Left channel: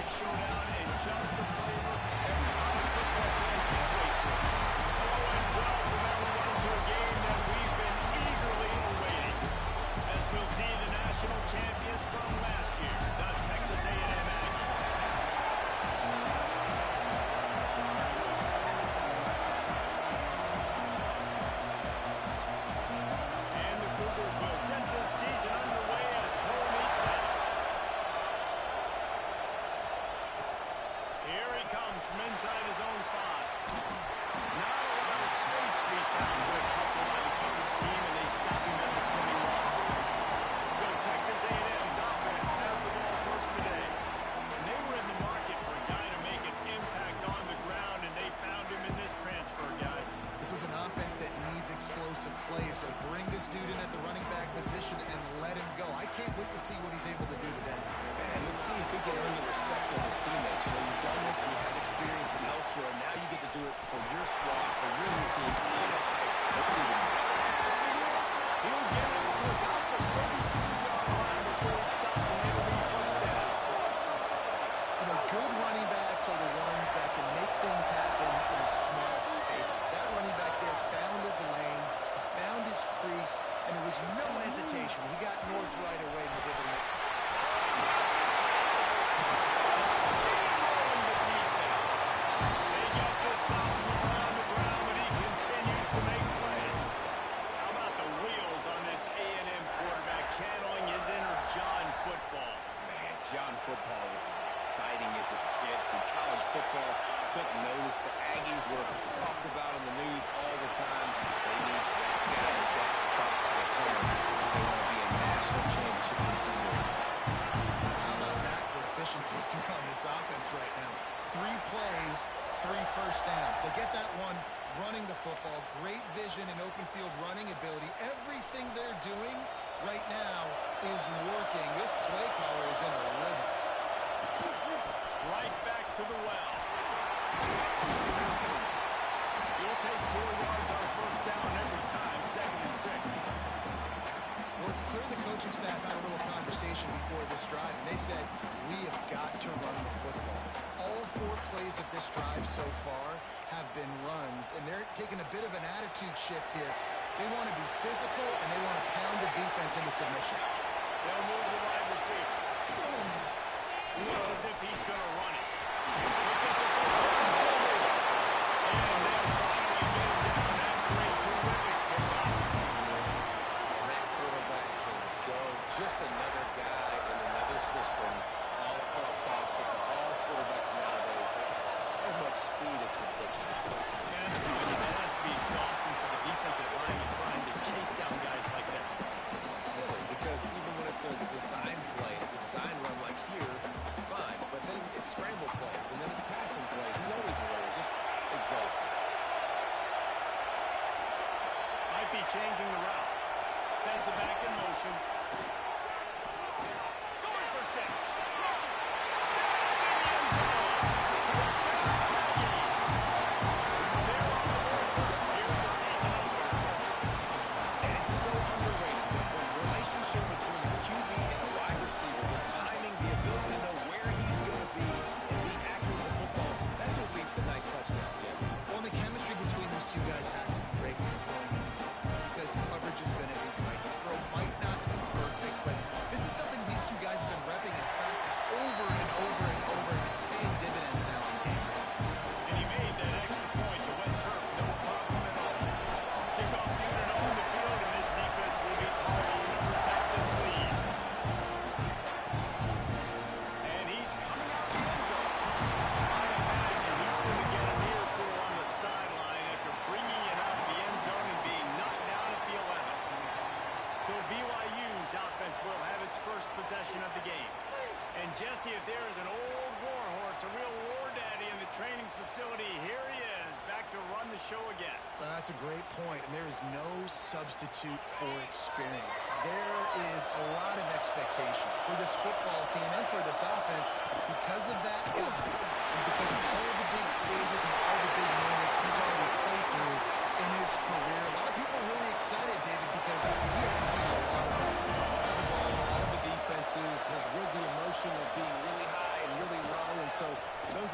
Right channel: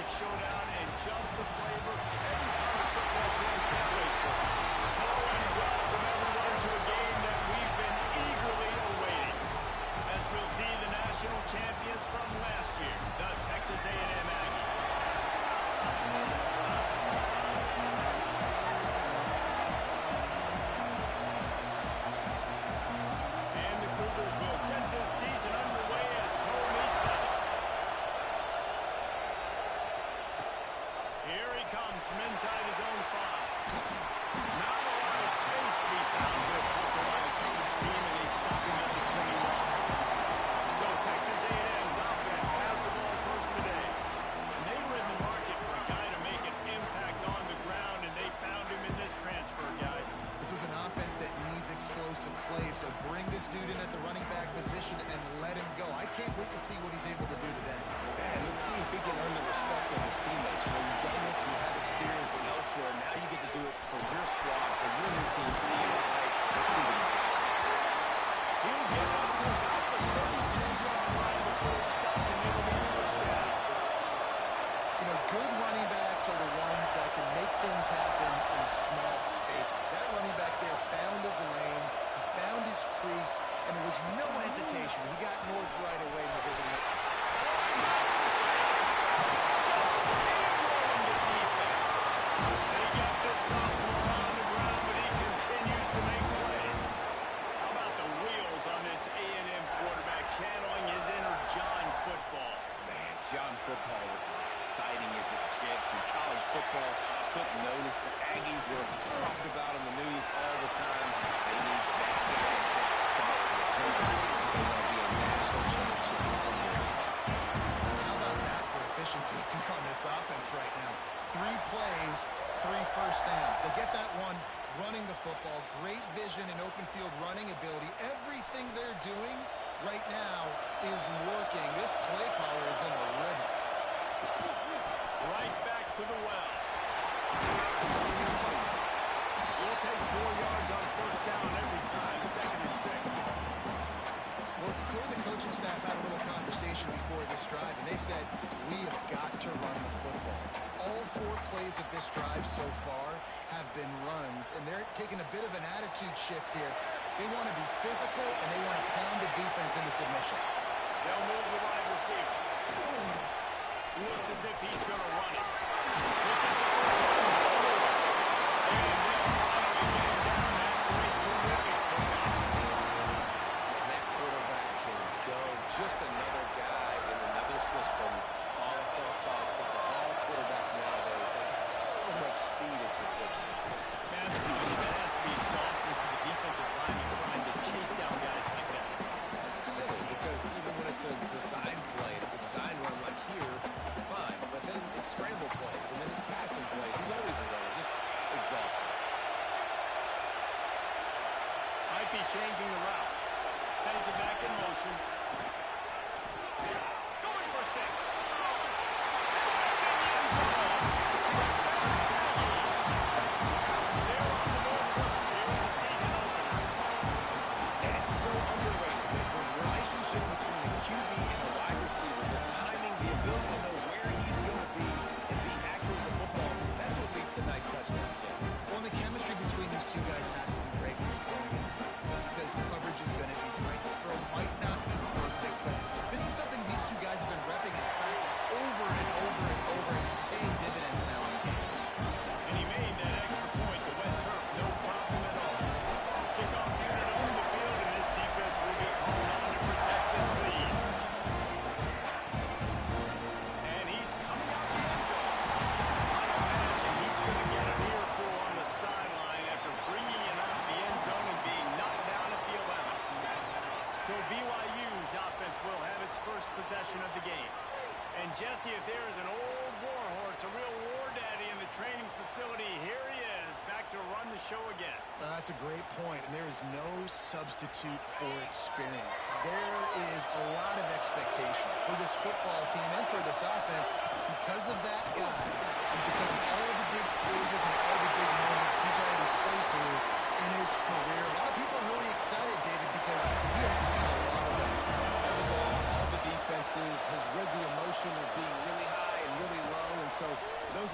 epic showdown and just the flavor every college football fan can't wait for. Hello and welcome everyone to a game that we've been eagerly awaiting. As we'll see the national champions from last year, the Texas A&M Aggies. And the Cougars will get this season underway as toe meets metal. Here he comes from inside his own 5. Not a lot of space to be found. Good hustle by the coverage team, and they stop him at the 21. So Texas A&M's offense has the ball first today. And they were in the market for a guy to make an impact on the ground, and they found him in this transfer, guys. This was an offense that needs explosive plays, so bring this dude in at the running back position and let him go. I can't wait to see what he's able to do today. And let's see if he can earn the respect of his teammates. You know, you've done this, you have experience elsewhere. Now you get to do it for your squad, for your new team. All the hype. Let's see what he's got. He'll get up to about the 32-yard line before he stops, and it'll be first down. You know, good running backs are the ones that can make things happen in small spaces. That running back there found his lane, he found his crease, and there was no hesitation. He got north right away and was able to make... Just steamrolling the defense. They get this sophomore on the ground, but he continues to make plays. How about the wheels on this A&M quarterback channeling his inner John football? Man, John football was as exciting as it gets, and college football took notice. The Aggies were talked about in the news all the time. They need that guy at that spot to return if they want to be a national championship contender again. How about that for efficiency on this offense right now? 3 plays, 3 first downs. They get that one running the football. Great vision and open field running ability. Everything they're doing right now is working. This play caller is in a rhythm. Right back to the well. You'll take 4 yards on first down every time, 2nd and 6. Well, it's clear the coaching staff had a little conversation before this drive, and they said, we have got to run the football. All 4 plays of this drive so far have been runs, and they're taking a bit of an attitude shift here. They want to be physical, and they want to pound the defense into submission. They'll move the wide receiver. Looks as if he's going to run it. Looks at the first down, still moving. And they'll finally get him down after a terrific pickup. And that quarterback can go. Just another guy in another system all across college football. All quarterbacks nowadays, they got so much speed, it's ridiculous. Man, that has to be exhausting for the defensive lineman trying to chase down guys like that. It's silly because even when it's a design play, it's a design run like here, fine. But then it's scramble plays, and then it's passing plays. He's always a runner, just exhausting. Might be changing the route. Sends it back in motion. Going for 6. Snagged in the end zone. Touchdown, Aggies. They're on the board first here in the season opener. And it's so underrated, the relationship between a QB and a wide receiver, the timing, the ability to know where he's going to be and be accurate with the football, that's what leads to nice touchdowns, Jesse. Well, the chemistry between these 2 guys has to be great when you're going into the game because coverage is going to be tight. The throw might not be perfect, but this is something these 2 guys have been repping in practice over and over and over, and it's paying dividends now in game. And he made that extra point, the wet turf, no problem at all. Kickoff unit on the field, and this defense will be called on to protect this lead. And he's coming out the end zone. I imagine he's going to get an earful on the sideline after bringing it out of the end zone and being knocked down at the 11. So BYU's offense will have its first possession of the game. And Jesse, if there is an old war horse, a real war daddy in the training facility, here he is, back to run the show again. Well, that's a great point, and there is no substitute for experience. There is a lot of expectation for this football team and for this offense because of that guy and because of all the big stages and all the big moments he's already played through in his career. A lot of people are really excited, David, because he has seen a lot of that. All the ball, all the defenses, has read the emotion of being really high and really low,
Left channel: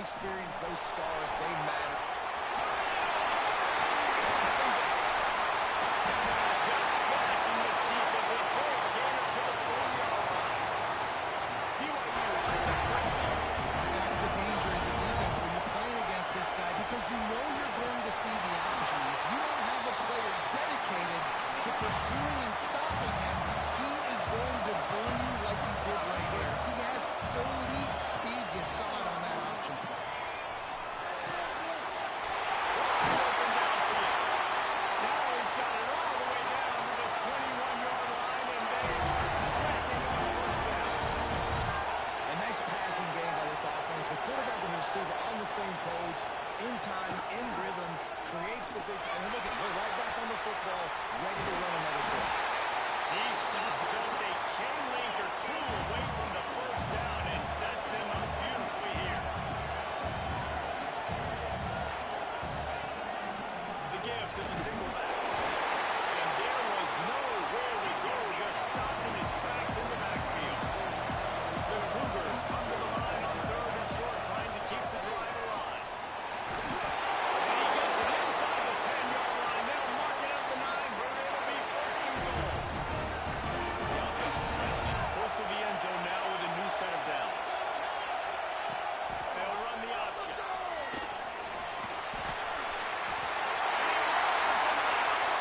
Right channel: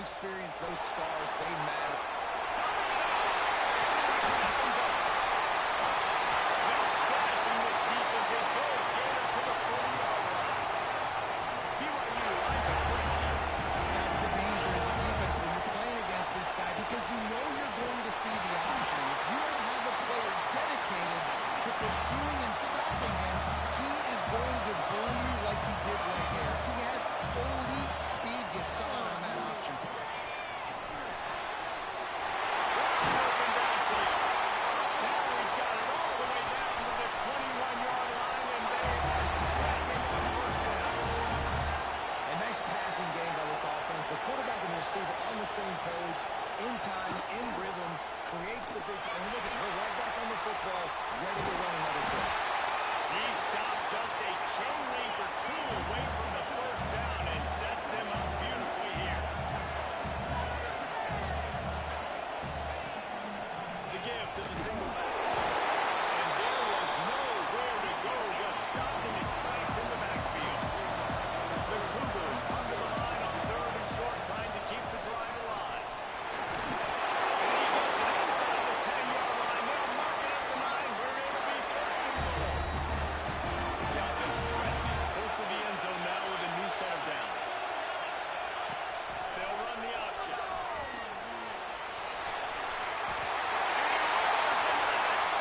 experience, those scars, they matter. Turning it on. Quick step and go. Just gashing this defense. A big gainer to the 40-yard line. BYU lines up fresh. That's the danger as a defense when you're playing against this guy, because you know you're going to see the option. If you don't have a player dedicated to pursuing and stopping him, he is going to burn you like he did right here. He has elite speed. You saw it on that option. Wide open downfield. Now he's got it all the way down to the 21-yard line, and they are threatening on first down. A nice passing game by this offense. The quarterback and the receiver on the same page, in time, in rhythm, creates the big, and look at, they're right back on the football, ready to run another play. He stopped just a chain link or two away from the first down and sets them up beautifully here. The give to the single back. And there was nowhere to go, just stopped in his tracks in the backfield. The Cougars come to the line on 3rd and short, trying to keep the drive alive. And he gets it inside the 10-yard line. They'll mark it at the 9, where it'll be 1st and goal. The offense threatening. Close to the end zone now with a new set of downs. They'll run the option. And he roars into the house.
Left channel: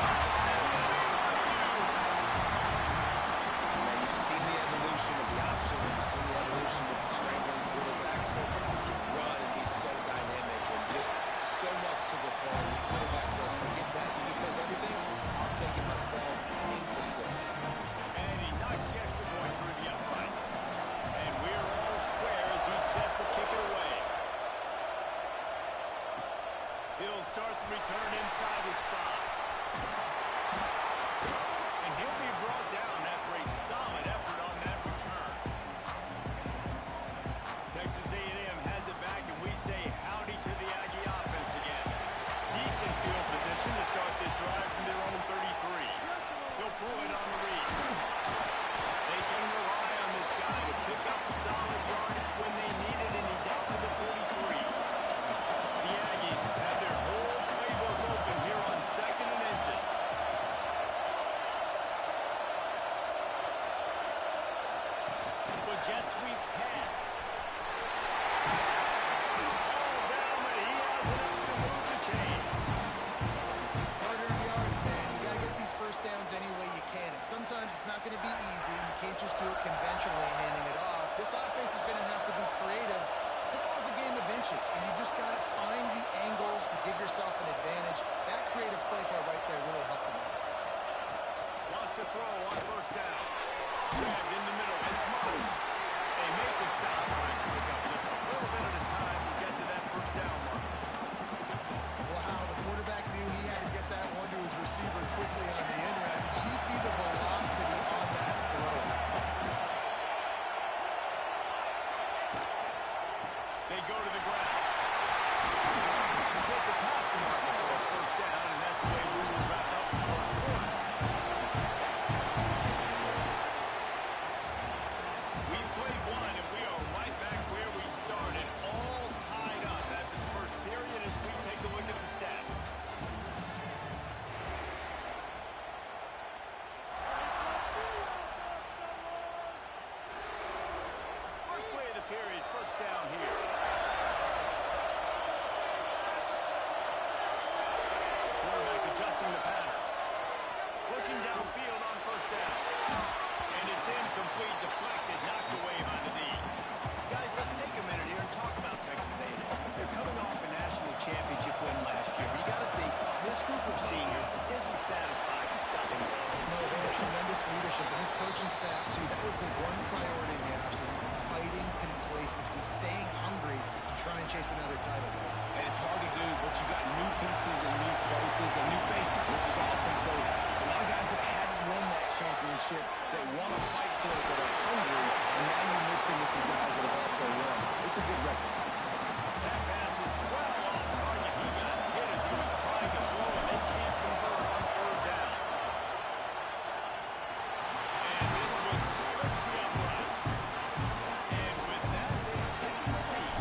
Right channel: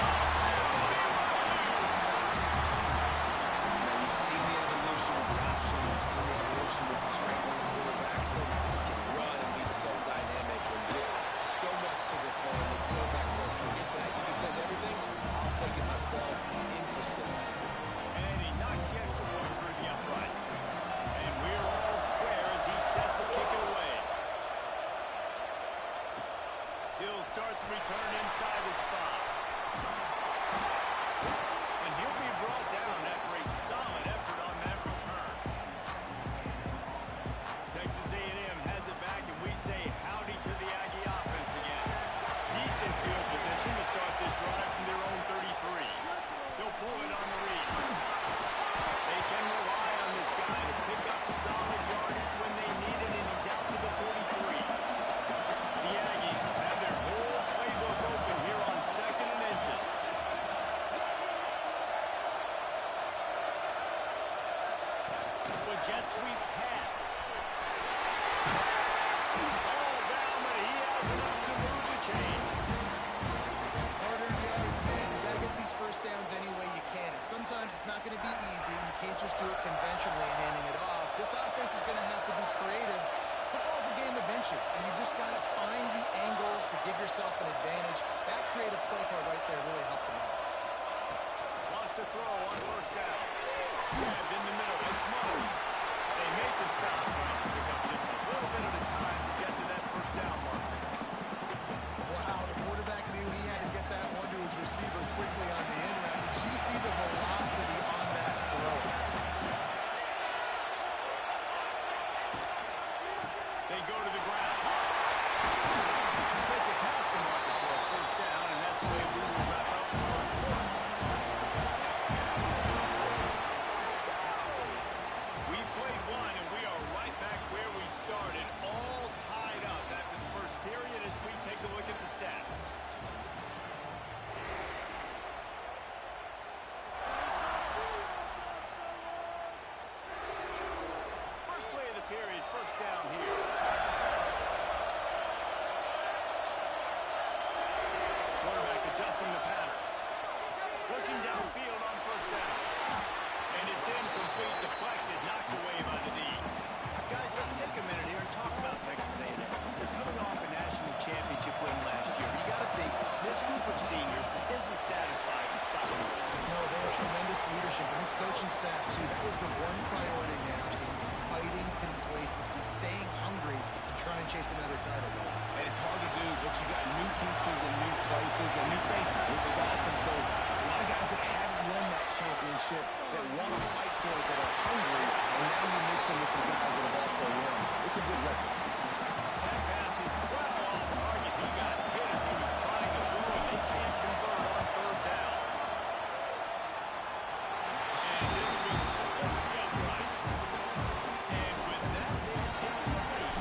Touchdown, BYU. Now, you've seen the evolution of the option. You've seen the evolution with scrambling quarterbacks that can run and be so dynamic and just so much to defend. The quarterback says, forget that. You defend everything, I'll take it myself. In for 6. And he knocks the extra point through the uprights. And we're all square as he's set to kick it away. He'll start the return inside his spot. And he'll be brought down after a solid effort on that return. Texas A&M has it back, and we say howdy to the Aggie offense again. Decent field position to start this drive from their own 33. He'll pull it on the read. They can rely on this guy to pick up solid yardage when they need it, and he's out to the 43. The Aggies have their whole playbook open here on 2nd and inches. The jet sweep pass. All down, but he has enough to move the chains. Hard-earned yards, man. You got to get these first downs any way you can. And sometimes it's not going to be easy, and you can't just do it conventionally handing it off. This offense is going to have to be creative. Football's a game of inches, and you just got to find the angles to give yourself an advantage. That creative play call right there really helped them out. Lost a throw on first down. Grabbed in the middle. It's Martin. They make the stop, trying to pick up just a little bit at a time to get to that first down marker. Wow, the quarterback knew he had to get that one to his receiver quickly on the in route. Did you see the velocity on that throw? They go to the ground. Gets it past the marker for a first down, and that's the way we will wrap up the first quarter. We played one, and we are right back where we started, all tied up after the first period as we take a look at the stats. First play of the period, first down here. Quarterback adjusting the pattern. Looking downfield on first down. And it's incomplete, deflected, knocked away by the D. Guys, let's take a minute here and talk about Texas A&M. They're coming off a national championship win last year. You got to think this group of seniors isn't satisfied with stopping the run. No, they had tremendous leadership, and his coaching staff, too. That was the one priority in the offseason, fighting complacency, staying hungry to try and chase another title. And it's hard to do, but you got new pieces and new places and new faces, which is awesome. So it's a lot of guys that haven't won that championship that want to fight for it, that are hungry, and now you mix them with some guys that have also won. It's a good recipe. That pass is well off target. He got hit as he was trying to throw, and they can't convert on third down. And this one splits the uprights. And with that, they've taken the lead.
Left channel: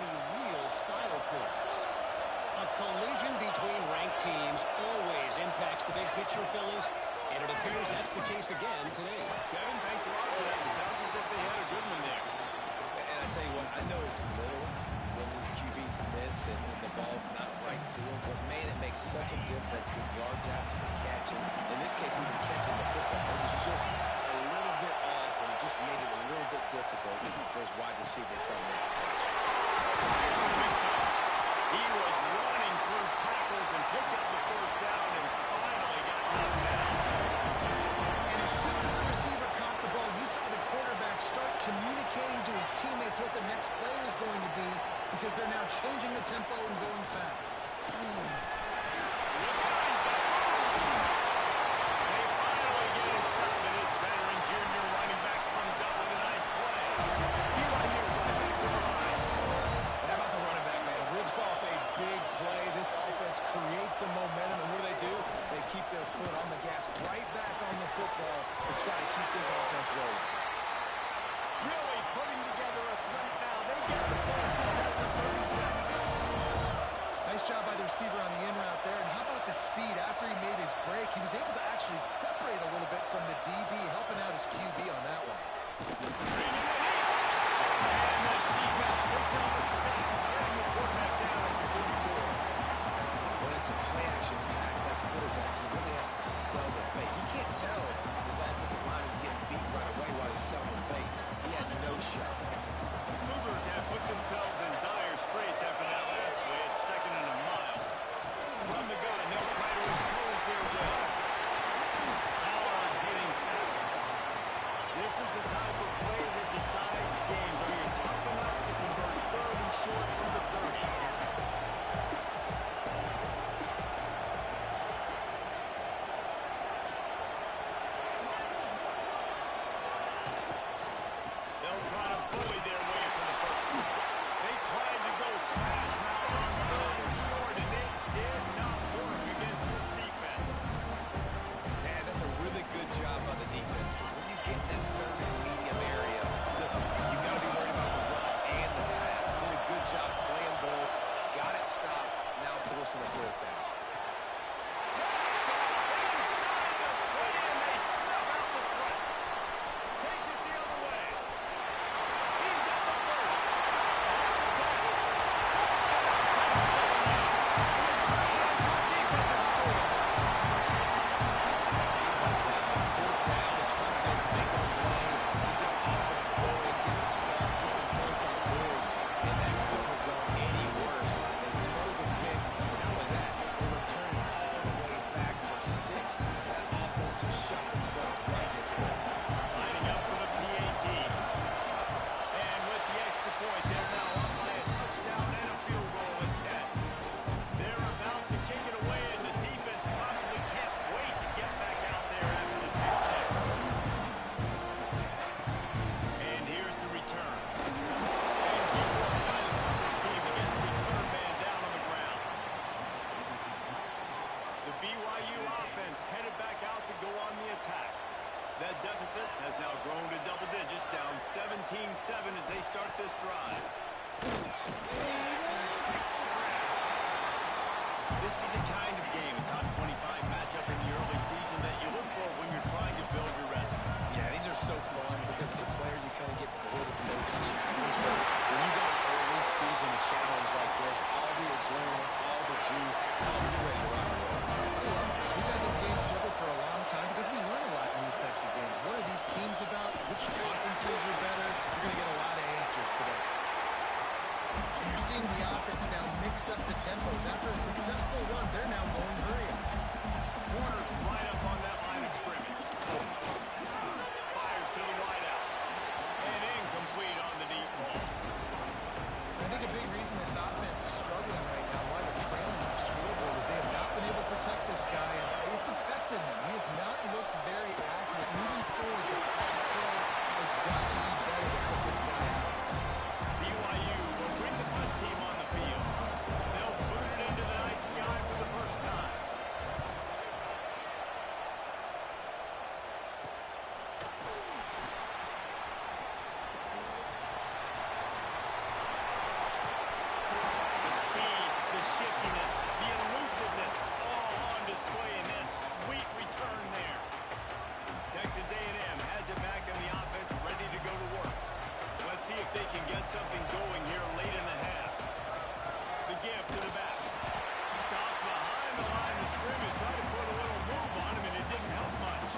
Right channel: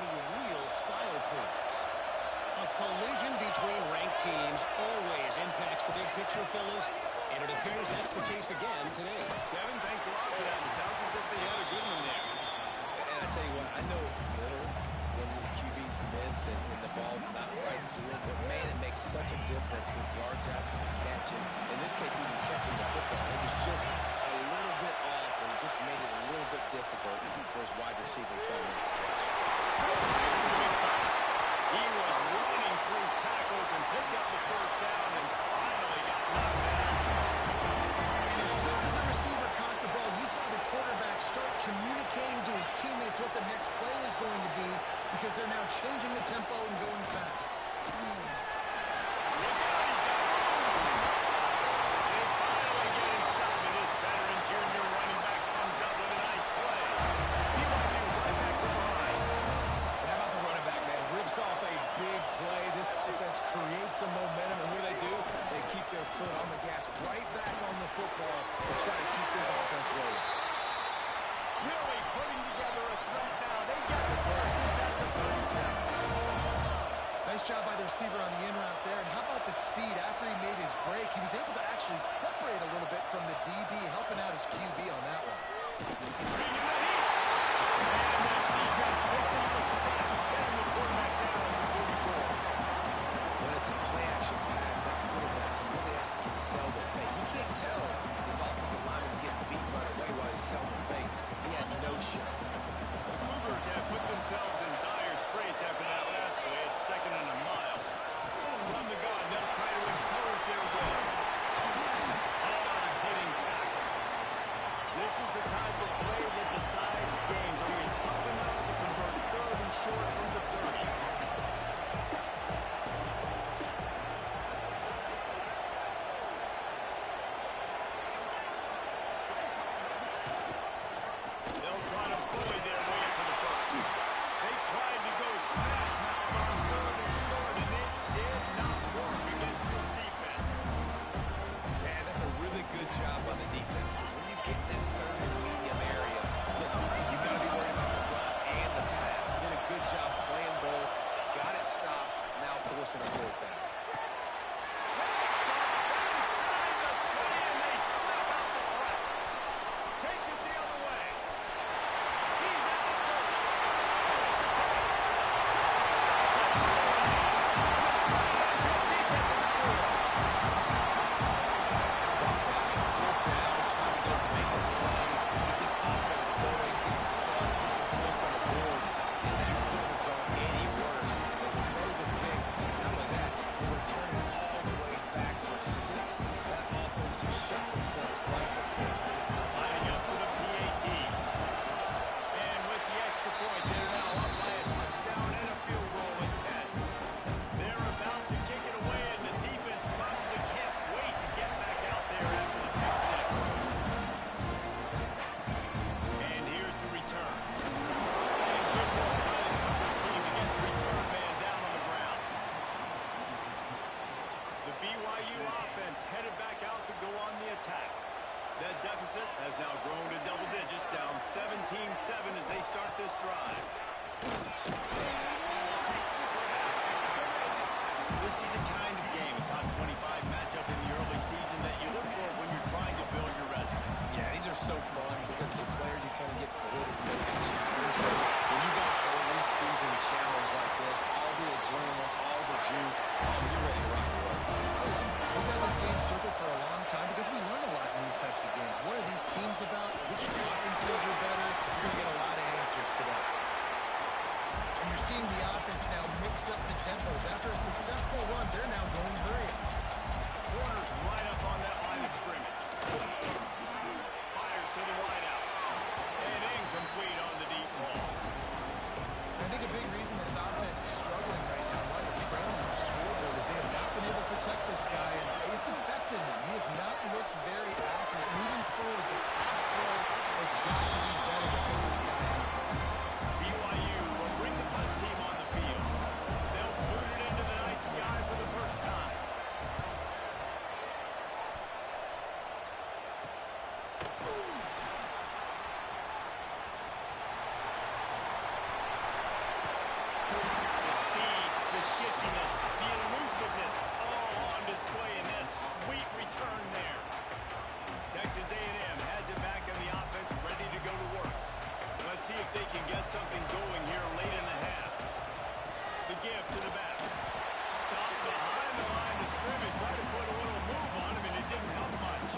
any real style points. A collision between ranked teams always impacts the big picture, fellas, and it appears that's the case again today. Kevin, thanks a lot for that. It sounds as if they had a good one there. And I tell you what, I know it's little when these QBs miss and the ball's not right to them, but man, it makes such a difference with yards after the catch. And in this case, even catching the football, it was just a little bit off, and it just made it a little bit difficult for his wide receiver to try to make the catch. Here's to the big fella. He was running through tackles and picked up the first down and finally got knocked down. And as soon as the receiver caught the ball, you saw the quarterback start communicating to his teammates what the next play was going to be because they're now changing the tempo and going fast. Look out, he's got room. They finally get him stopped, and this veteran junior running back comes up with a nice play. BYU right back to the line. And how about the running back, man? Rips off a big play. This offense creates some momentum, and what do? They keep their foot on the gas right back on the football to try to keep this offense rolling. Really putting together a threat now. They get the first. It's at the 37. Nice job by the receiver on the in route there. And how about the speed after he made his break? He was able to actually separate a little bit from the DB, helping out his QB on that one. Bringing the heat. And the defense picks up a sack, getting the quarterback down at the 44. When it's a play-action pass, that quarterback, he really has to sell the fake. He can't tell his offensive lineman's getting beat right away while he's selling the fake. He had no shot. The Cougars have put themselves in dire straits after that last play. It's 2nd and a mile. From the gun, they'll try to impose their will. Hard-hitting tackle. This is the type of play that decides games. Are you tough enough to convert 3rd and short from the 30? They'll try to bully their way for the first. They tried to go smash mouth on 3rd and short, and it did not work against this defense. Man, that's a really good job by the defense, because when you get in that 3rd and medium area, listen, you've got to be worried about the run and the pass. Did a good job playing both, got it stopped, now forcing a 4th down. Inside the 20, and they snuff out the threat. Takes it the other way. He's at the 30. That's the 10. Touchdown, and they turn it into a defensive score. How about that? 4th down, trying to go make a play, get this offense going, get a spark, get some points on the board, and that couldn't have gone any worse. They throw the pick. Not only that, they return it all the way back for 6. That offense just shot themselves right in the foot. Lining up for the PAT. And with the extra point, they're now up by a touchdown and a field goal at 10. They're about to kick it away, and the defense probably can't wait to get back out there after the pick 6. And here's the return. And good work by the Cougars team to get the return man down on the ground. The BYU offense headed back out to go on the attack. That deficit has now grown to double digits, down 17-7 as they start this drive. Makes the grab. This is a kind of game, a top 25 matchup in the early season that you look for when you're trying to build your resume. Yeah, these are so fun because as a player you kind of get bored of no challenge. But when you got an early season challenge like this, all the adrenaline, all the juice, you're ready to rock and roll. I love this. We've had this game circled for a long time because we learn a lot in these types of games. What are these teams about? Which offenses are better? You're going to get a lot of answers today. And you're seeing the offense now mix up the tempos. After a successful run, they're now going hurry up. Corners right up on that line of scrimmage. Fires to the wideout. And incomplete on the deep ball. I think a big reason this offense is struggling right now, why they're trailing on the scoreboard, is they have not been able to protect this guy, and it's affected him. He has not looked very accurate. Moving forward, the pass pro has got to be better to help this guy out. BYU will bring the punt team on the field. They'll boot it into the night sky for the first time. riskiness, the elusiveness, all on display in that sweet return there. Texas A&M has it back on the offense, ready to go to work. Let's see if they can get something going here late in the half. The give to the back. Stopped behind the line of scrimmage. Tried to put a little move on him, and it didn't help much.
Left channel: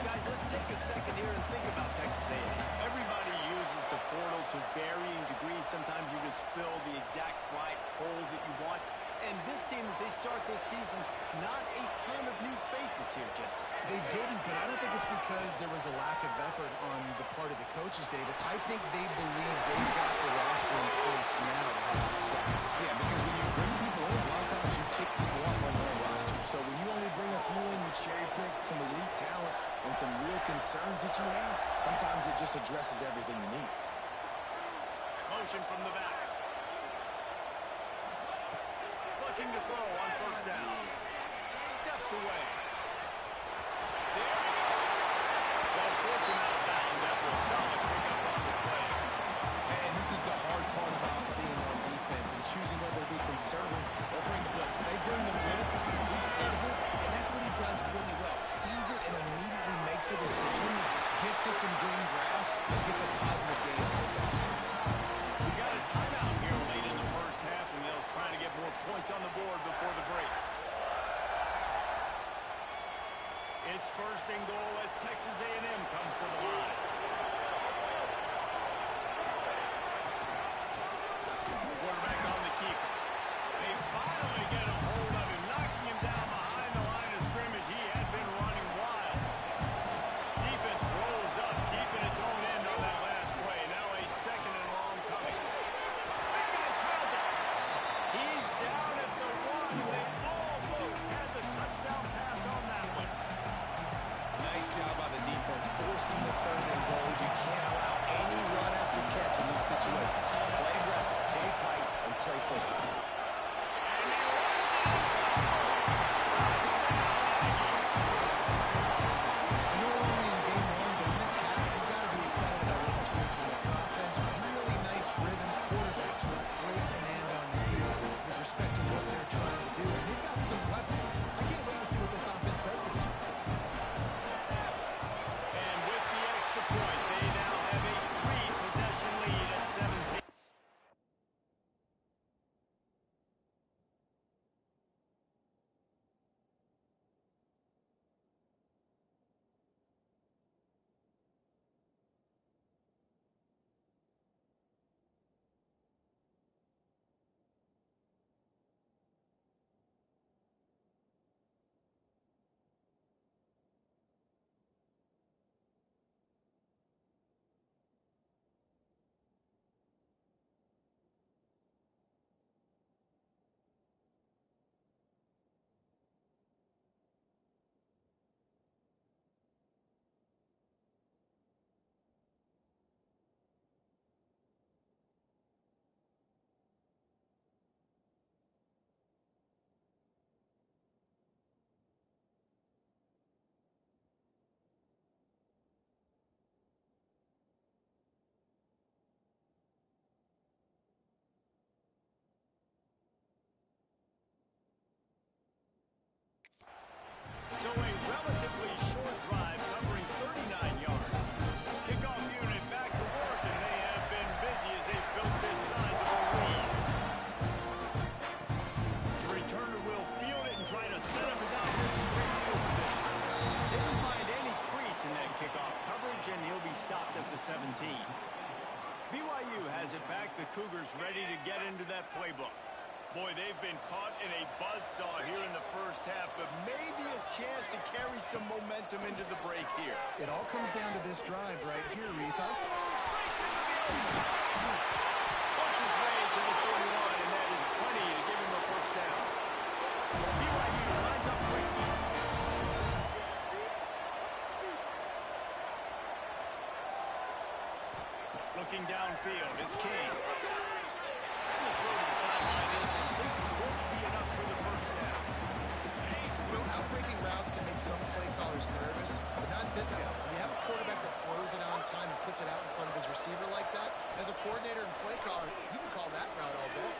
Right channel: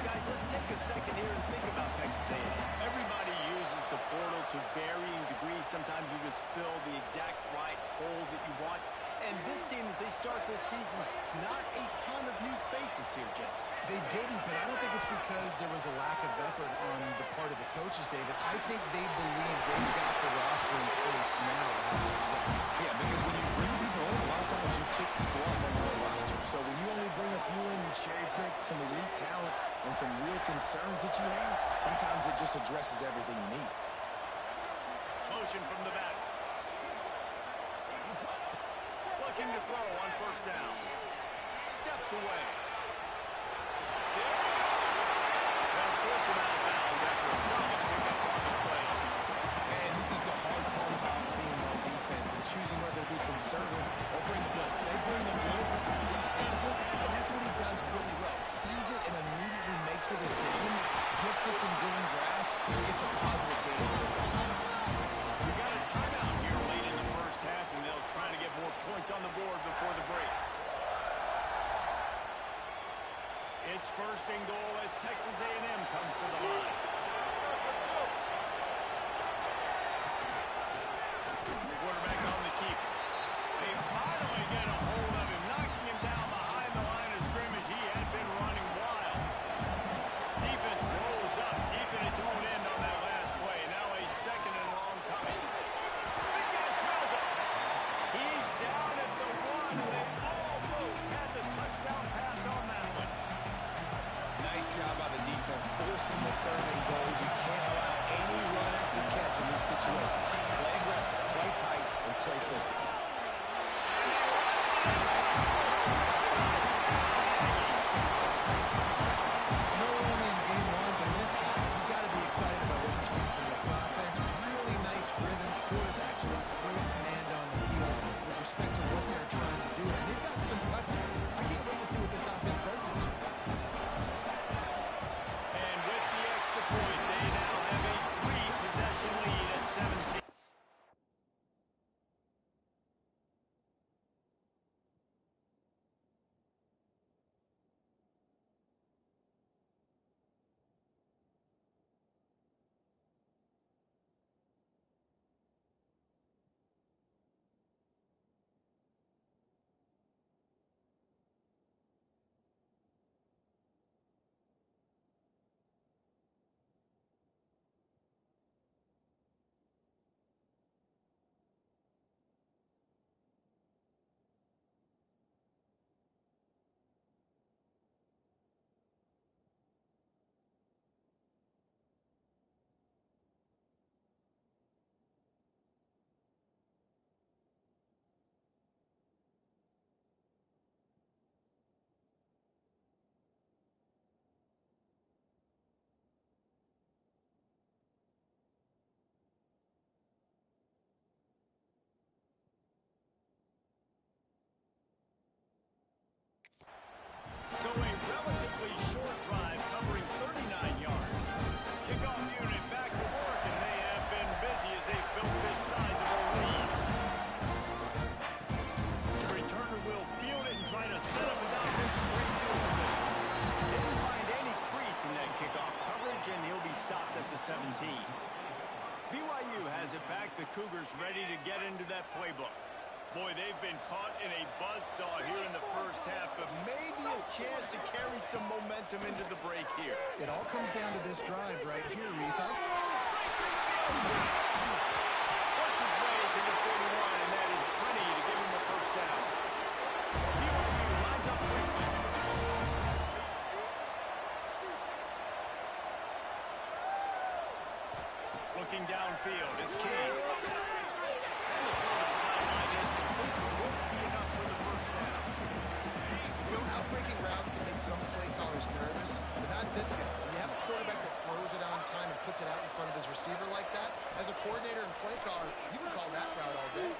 Guys, let's take a second here and think about Texas A&M. Everybody uses the portal to varying degrees. Sometimes you just fill the exact right hole that you want. And this team, as they start this season, not a ton of new faces here, Jesse. They didn't, but I don't think it's because there was a lack of effort on the part of the coaches, David. I think they believe they've got the roster in place now to have success. Yeah, because when you bring people in, a lot of times you kick people off on your own roster. So when you only bring a few in, you cherry pick some elite talent and some real concerns that you have, sometimes it just addresses everything you need. Motion from the back. Looking to throw on first down. Steps away. There he goes. They'll force him out of bounds after a solid pickup on the play. And this is the hard part about being on defense and choosing whether to be conservative or bring the blitz. They bring the blitz, he sees it, and that's what he does really well. Sees it and immediately makes a decision, gets to some green grass, and gets a positive gain for this offense. We got a timeout here late in the first half, and they'll try to get more points on the board before the break. It's first and goal as Texas A&M comes to the line. Quarterback on the keeper. They finally get a hold of him, knocking him down behind the line of scrimmage. He had been running wild. Defense rolls up deep in its own end on that last play. Now a second and long coming. Big guy smells it. He's down at the one, and they almost had the touchdown pass on that one. Nice job by the defense, forcing the third and goal. You can't allow any run after catch in these situations. Play aggressive, play tight, and play physical. And he runs it impossible. Touchdown, Aggie. I know we're only in game one, but in this half, you've got to be excited about what you're seeing from this offense. Really nice rhythm. Quarterbacks got great command on the field with respect to what they're trying to do. And they've got some weapons. I can't wait to see what this offense does this year. And with the extra point, they now have a 3-possession lead at 17. So a relatively short drive covering 39 yards. Kickoff unit back to work, and they have been busy as they've built this sizable lead. The returner will field it and try to set up his offense in great field position. Didn't find any crease in that kickoff coverage, and he'll be stopped at the 17. BYU has it back. The Cougars ready to get into that playbook. Boy, they've been caught in a buzzsaw here in the first half, but maybe a chance to carry some momentum into the break here. It all comes down to this drive right here, Reese. Breaks into the open. Works his way to the 41, and that is plenty to give him a first down. BYU lines up quickly. Looking downfield, it's King. And the throw to the sideline is complete. Won't be enough for the first down. You know, outbreaking routes can make some play callers nervous, but not this guy. When you have a quarterback that throws it on time and puts it out in front of his receiver like that, as a coordinator and play caller, you can call that route all day.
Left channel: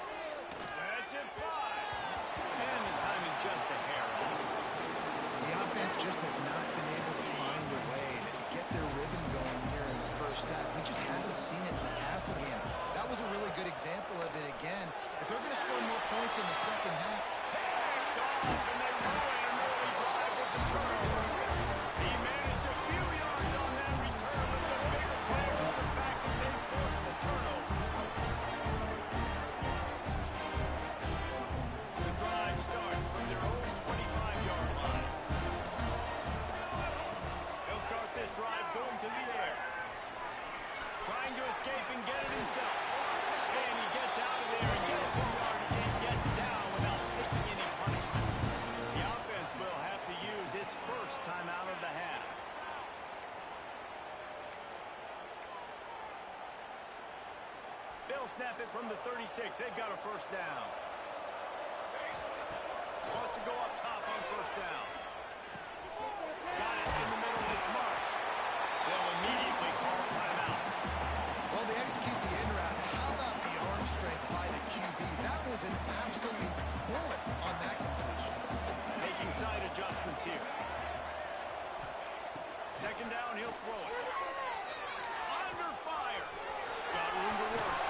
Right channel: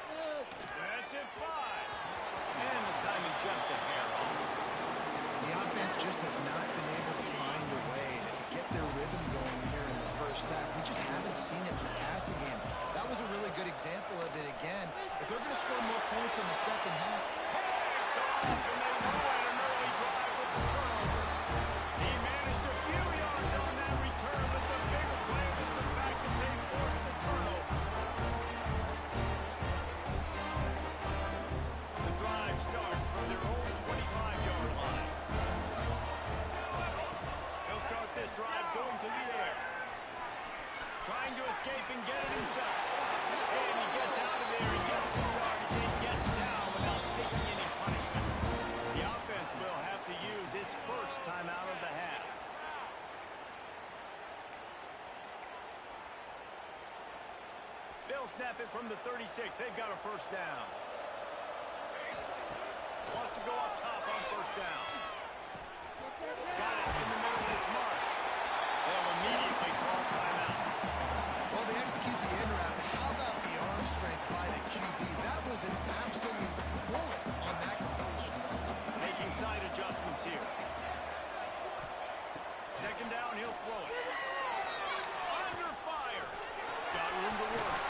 That's it. just has not been able to find a way to get their rhythm going here in the first half. We just haven't seen it in the passing game. That was a really good example of it again. If they're going to score more points in the second half. Picked off, and they ruin an early drive with the turnover. He managed a few yards on that return, but the bigger play was the fact that they forced the turnover. The drive starts from their own 25-yard line. He'll start this drive going to the air. Trying to escape and get it himself. And he gets out of there and gets some yardage and gets down without taking any punishment. The offense will have to use its first time out of the half. They'll snap it from the 36. They've got a first down. Wants to go up top on first down. Got it in the middle. It's Marsh. They'll immediately call timeout. Well, they execute the in route. How about the arm strength by the QB? That was an absolute bullet on that completion. Making side adjustments here. Second down, he'll throw it. Under fire. Got room to work.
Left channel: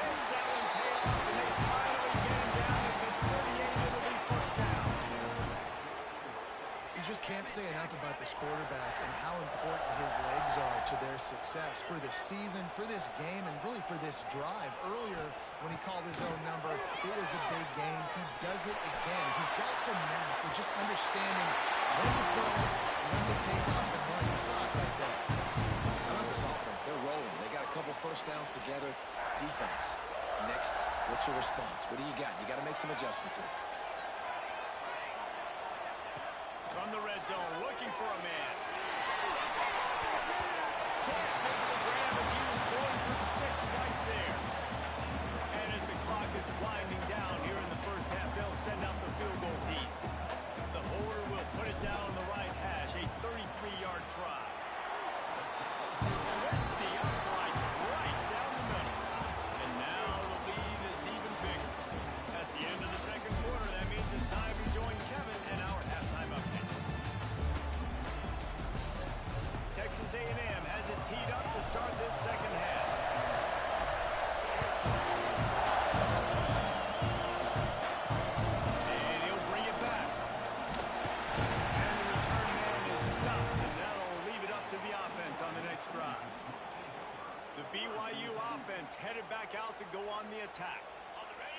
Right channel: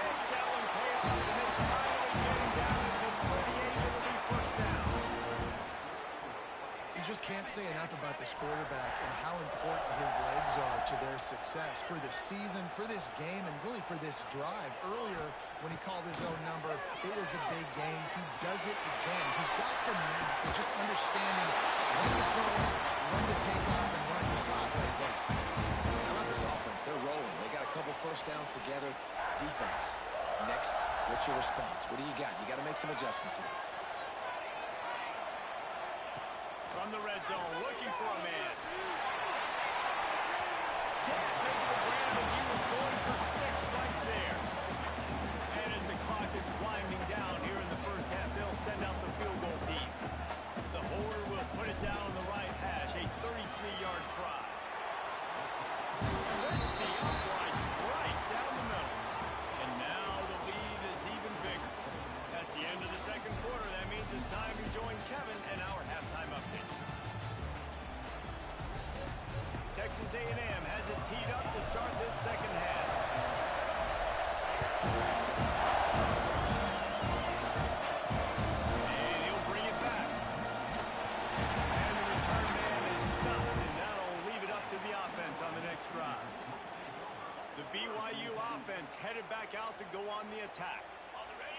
Makes that one pay off, and they finally get him down at the 38. It'll be first down. You just can't say enough about this quarterback and how important his legs are to their success for the season, for this game, and really for this drive. Earlier, when he called his own number, it was a big game. He does it again. He's got the knack of just understanding when to throw it, when to take off and run. You saw it right there. How about this offense? They're rolling. They got a couple first downs together. Defense. Next, what's your response? What do you got? You got to make some adjustments here. From the red zone, looking for a man. Can't make the grab as he was going for 6 right there. And as the clock is winding down here in the first half, they'll send out the field goal team. The holder will put it down on the right hash, a 33-yard try. Splits the uprights right down the middle. And now the lead is even bigger. That's the end of the second quarter. That means it's time to join Kevin and our halftime update. Texas A&M has it teed up to start this second half. And he'll bring it back. And the return man is stopped, and that'll leave it up to the offense on the next drive. The BYU offense headed back out to go on the attack.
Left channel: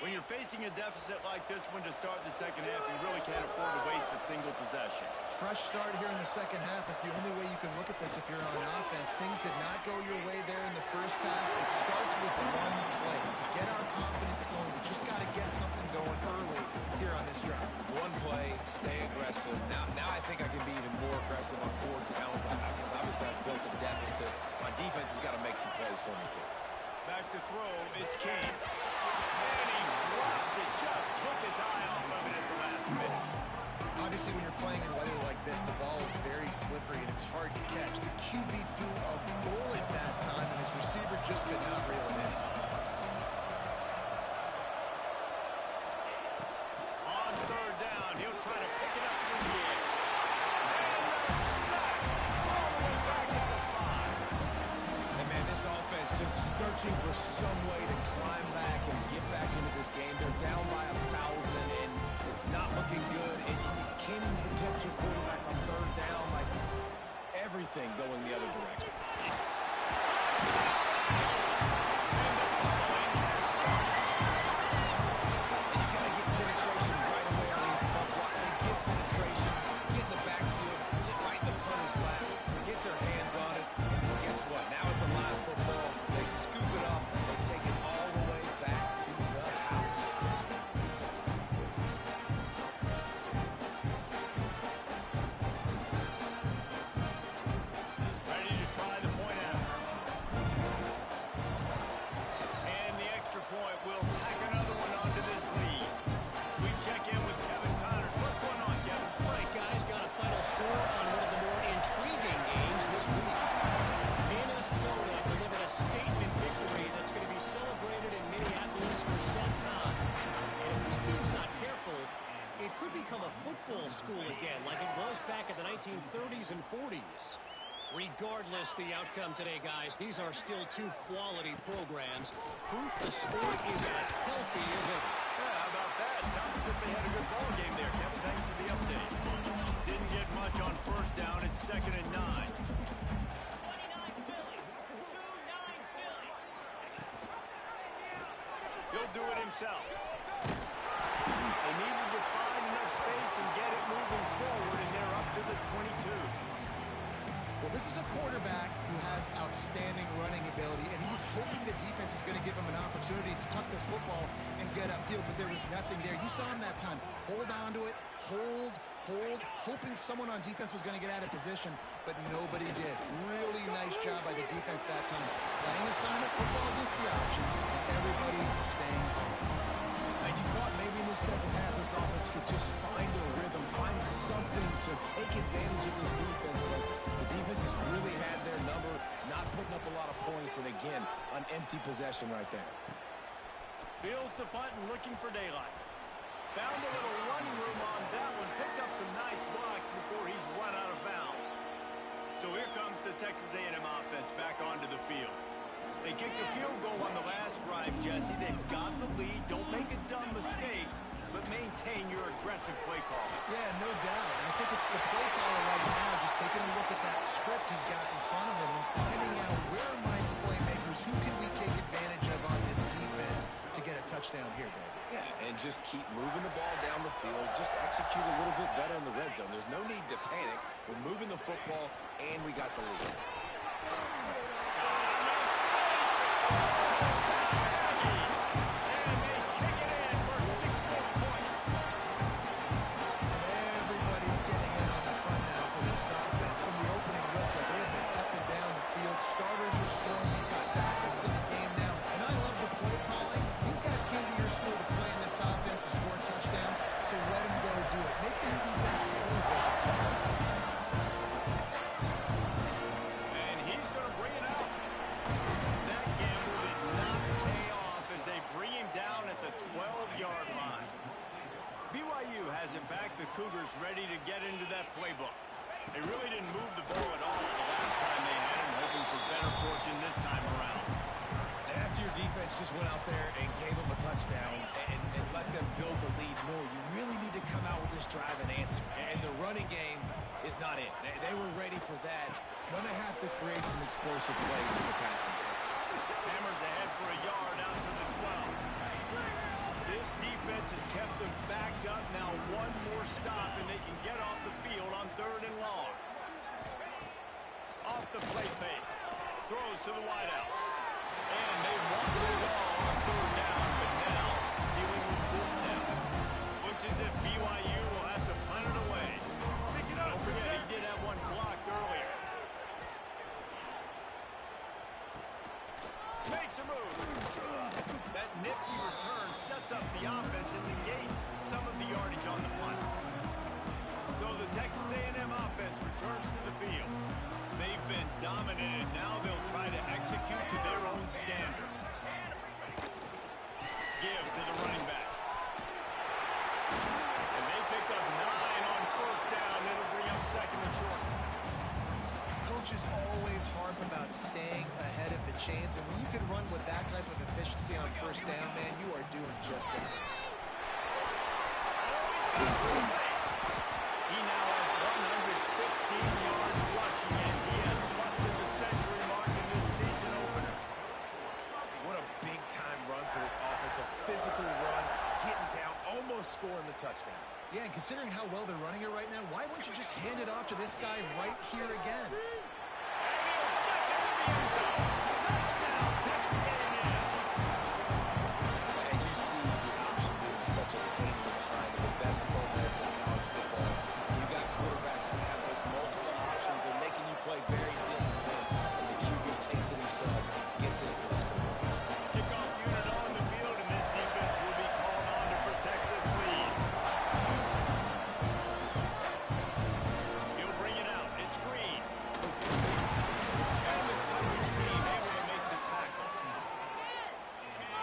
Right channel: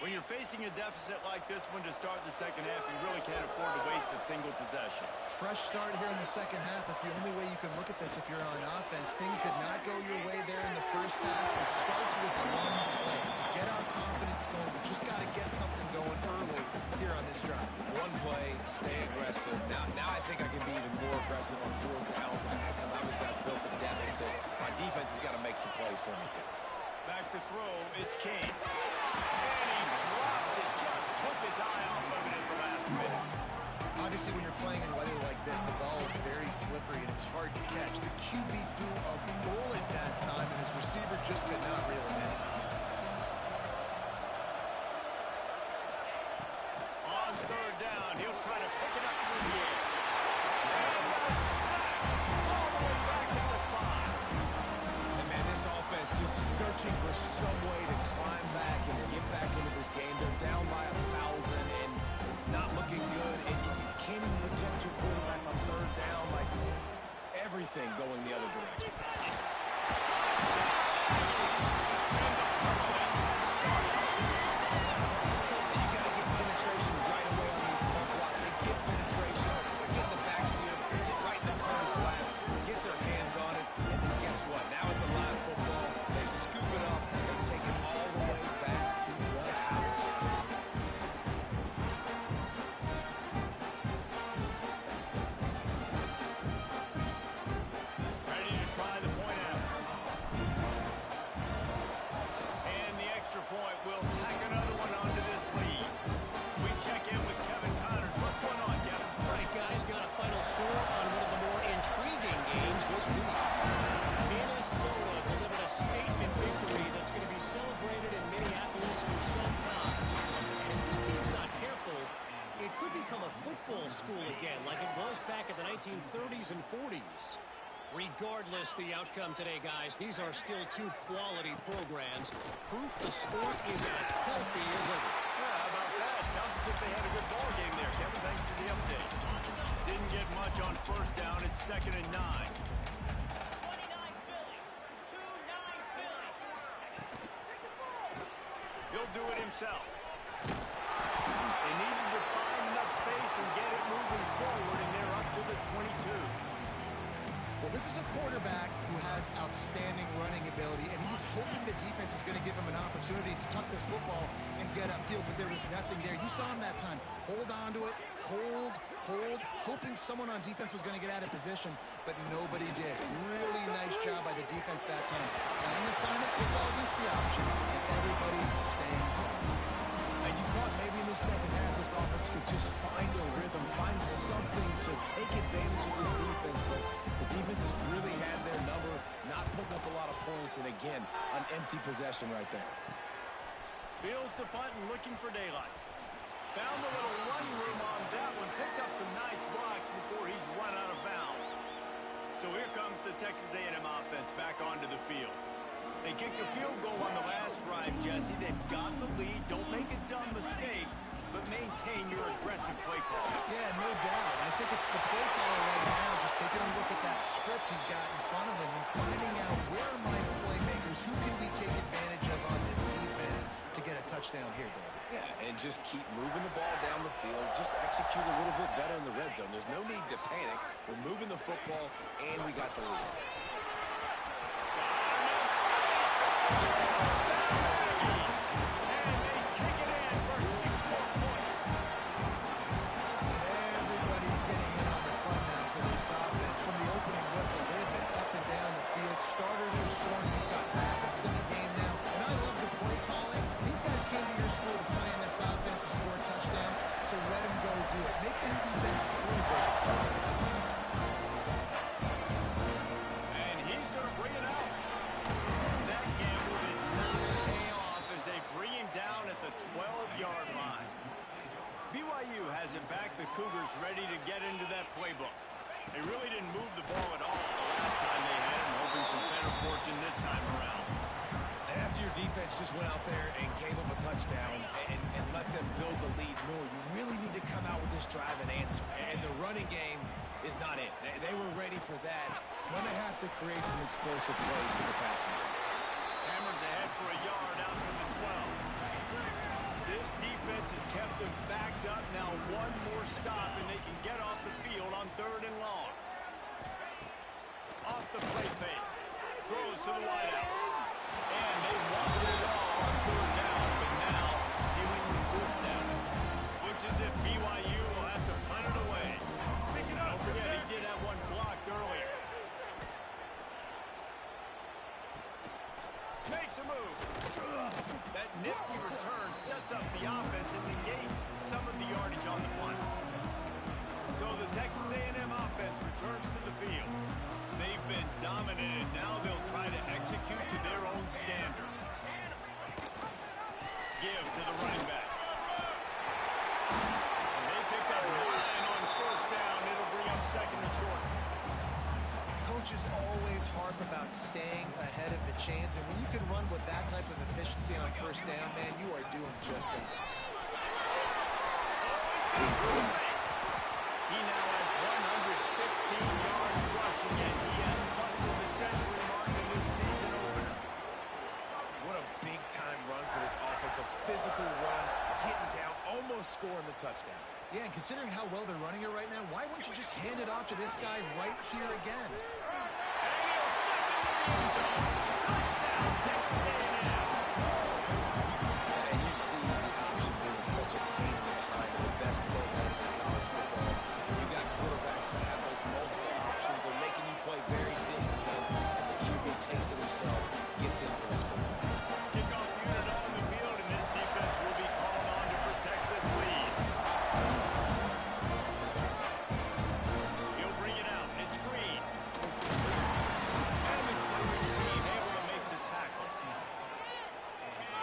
When you're facing a deficit like this one to start the second half, you really can't afford to waste a single possession. Fresh start here in the second half. That's the only way you can look at this if you're on offense. Things did not go your way there in the first half. It starts with one play. To get our confidence going, we just got to get something going early here on this drive. One play, stay aggressive. Now I think I can be even more aggressive on 4 downs because obviously I've built a deficit. My defense has got to make some plays for me too. Back to throw, it's Kane. And he drops it, just took his eye off of it at the last minute. Obviously, when you're playing in weather like this, the ball is very slippery and it's hard to catch. The QB threw a bullet that time, and his receiver just could not reel it in. On third down, he'll try to pick it up through the air. And a sack all the way back at the 5. And man, this offense just searching for some way to climb back and get back into this game. They're down by 1,000, and it's not looking good. And you can't even protect your quarterback on third down. Like, everything going the other direction. And the pummeling has started. And you got to get penetration right away on these pump blocks. They get penetration, get in the backfield, get right in the punter's lap, get their hands on it, and then guess what? Now it's a live football. They scoop it up. They take it all the way back to the house. Ready to try the point after. and 40s. Regardless the outcome today, guys, these are still two quality programs. Proof the sport is as healthy as ever. Yeah, how about that? Sounds as if they had a good ball game there, Kevin. Thanks for the update. Didn't get much on first down. It's 2nd and 9. 29 Philly. 2-9 Philly. He'll do it himself. They needed to find enough space and get it moving forward, and they're up to the 22. Well, this is a quarterback who has outstanding running ability, and he's hoping the defense is going to give him an opportunity to tuck this football and get upfield, but there was nothing there. You saw him that time. Hold on to it, hold, hoping someone on defense was going to get out of position, but nobody did. Really nice job by the defense that time. Playing assignment football against the option, and everybody staying home. And you thought maybe in the second half this offense could just find a rhythm, find something to take advantage of this defense, but the defense has really had their number, not putting up a lot of points, and again, an empty possession right there. Fields the punt and looking for daylight. Found a little running room on that one, picked up some nice blocks before he's run out of bounds. So here comes the Texas A&M offense back onto the field. They kicked a field goal on the last drive, Jesse. They've got the lead. Don't make a dumb mistake, but maintain your aggressive play call. Yeah, no doubt. I think it's the play caller right now just taking a look at that script he's got in front of him and finding out where are my playmakers, who can we take advantage of on this defense to get a touchdown here, Dave. Yeah, and just keep moving the ball down the field. Just execute a little bit better in the red zone. There's no need to panic. We're moving the football, and we got the lead. Touchdown, Aggies! And they take it in for 6 more points. Everybody's getting in on the fun now for this offense. From the opening whistle, they have been up and down the field. Starters are scoring. You've got backups in the game now. And I love the play calling. These guys came to your school to play in this offense to score touchdowns, so let them go do it. Make this defense prove they can stop it. And he's going to bring it out. That gamble did not pay off as they bring him down at the 12-yard line. BYU has it back. The Cougars ready to get into that playbook. They really didn't move the ball at all the last time they had it, hoping for better fortune this time around. And after your defense just went out there and gave them a touchdown and let them build the lead more, you really need to come out with this drive and answer. And the running game is not it. They were ready for that. Going to have to create some explosive plays to the passing game. Hammers ahead for a yard out to the 12. This defense has kept them backed up. Now one more stop, and they can get off the field on 3rd and long. Off the play fake. Throws to the wideout. And they wanted it all on 3rd down, but now dealing with 4th down. Looks as if BYU will have to punt it away. Don't forget, he did have one blocked earlier. Makes a move. That nifty return sets up the offense and negates some of the yardage on the punt. So the Texas A&M offense returns to the field. They've been dominated. Now they'll try to execute to their own standard. Give to the running back. And they picked up 9 on 1st down. It'll bring up 2nd and short. Coaches always harp about staying ahead of the chains, and when you can run with that type of efficiency on 1st down, man, you are doing just that. He now has 115 yards rushing, and he has busted the century mark in this season opener. What a big-time run for this offense. A physical run, getting down, almost scoring the touchdown. Yeah, and considering how well they're running it right now, why wouldn't you just hand it off to this guy right here again? And he'll step into the end zone. Touchdown, Texas A&M. And you see the option being such a pain in the behind of the best programs in college football. You got quarterbacks that have those multiple options. They're making you play very disciplined, and the QB takes it himself, gets in for the score. Kickoff unit on the field, and this defense will be called on to protect this lead. He'll bring it out. It's Green. And the coverage team able to make the tackle.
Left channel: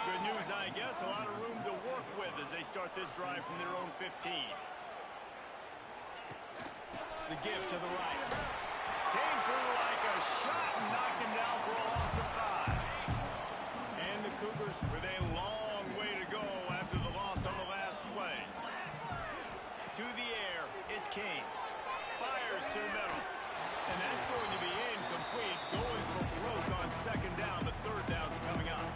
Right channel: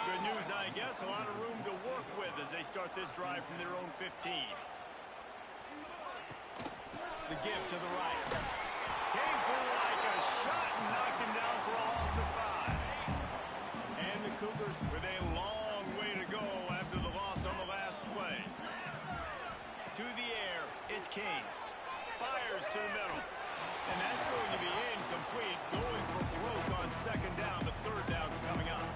Good news, I guess. A lot of room to work with as they start this drive from their own 15. The give to the right. Came through like a shot and knocked him down for a loss of 5. And the Cougars with a long way to go after the loss on the last play. To the air, it's King. Fires to the middle. And that's going to be incomplete. Going for broke on second down, but third down's coming up.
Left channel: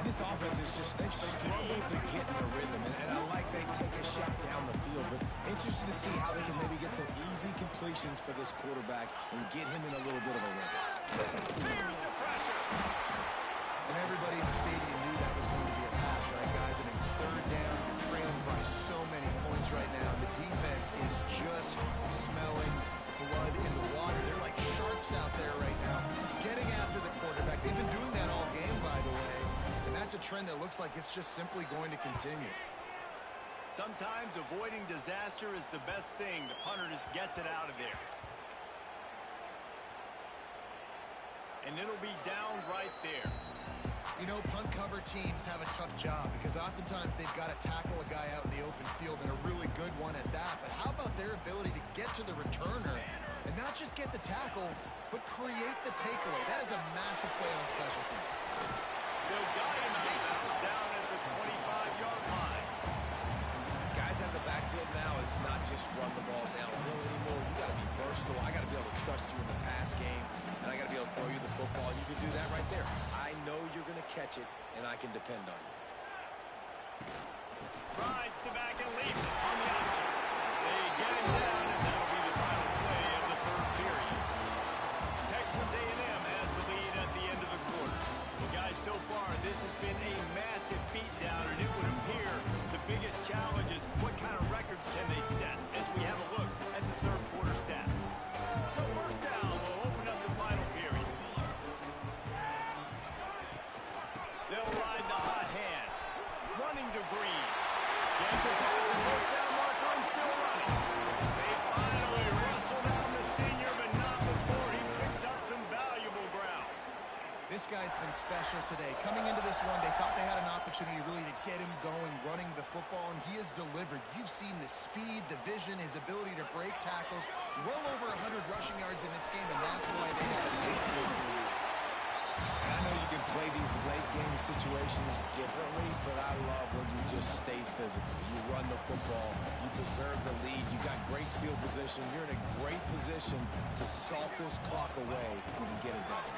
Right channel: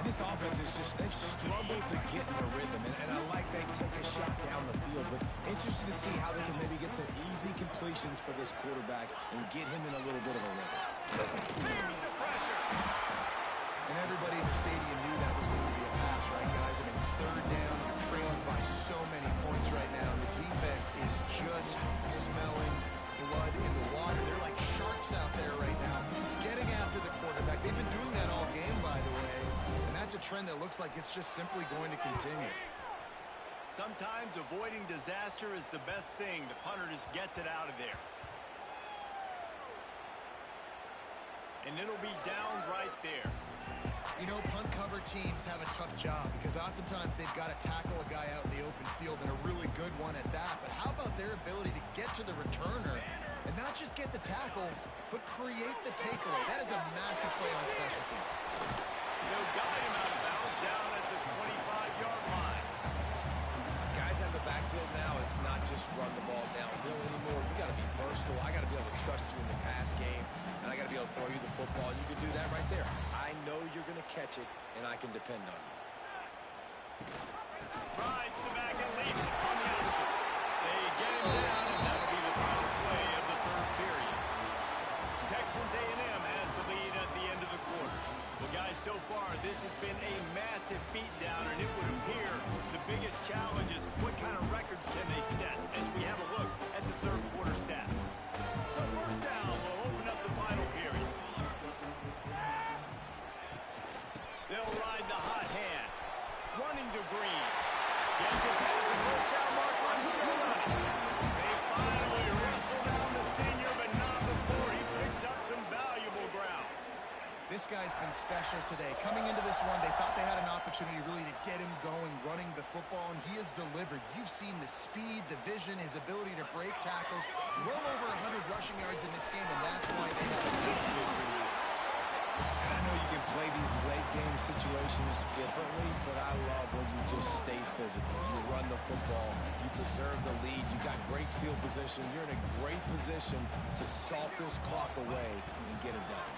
And this offense is just, they've struggled to get in a rhythm. And I like they take a shot down the field, but interested to see how they can maybe get some easy completions for this quarterback and get him in a little bit of a rhythm. Here's the pressure. And everybody in the stadium knew that was going to be a pass, right, guys? I mean, it's third down. You're trailing by so many points right now. And the defense is just smelling blood in the water. They're like sharks out there right now, getting after the quarterback. They've been doing that all game, by the way. And that's a trend that looks like it's just simply going to continue. Sometimes avoiding disaster is the best thing. The punter just gets it out of there. And it'll be down right there. You know, punt cover teams have a tough job because oftentimes they've got to tackle a guy out in the open field, and a really good one at that. But how about their ability to get to the returner and not just get the tackle, but create the takeaway? That is a massive play on special teams. They'll guide him out of bounds down at the 25-yard line. Guys out of the backfield now, it's not just run the ball downhill anymore. You got to be versatile. I got to be able to trust you in the pass game, and I got to be able to throw you the football, and you can do that right there. I know you're going to catch it, and I can depend on you. Rides to back and leaves it on the option. They get him down, and that'll be the final play of the third period. Texas A&M has the lead at the end of the quarter. Well, guys, so far, this has been a massive beatdown, and it would appear the biggest challenge is what kind of records can they set as we have a look at the third quarter stats. So first down will open up the final period. They'll ride the hot hand. Running to Green. Gets it past the first down marker and still running. They finally wrestle down the senior, but not before he picks up some valuable ground. This guy's been special today. Coming into this one, they thought they had an opportunity really to get him going, running the football, and he has delivered. You've seen the speed, the vision, his ability to break tackles. Well over 100 rushing yards in this game, and that's why they have a nice lead here. And I know you can play these late-game situations differently, but I love when you just stay physical. You run the football, you preserve the lead, you got great field position. You're in a great position to salt this clock away and get it done.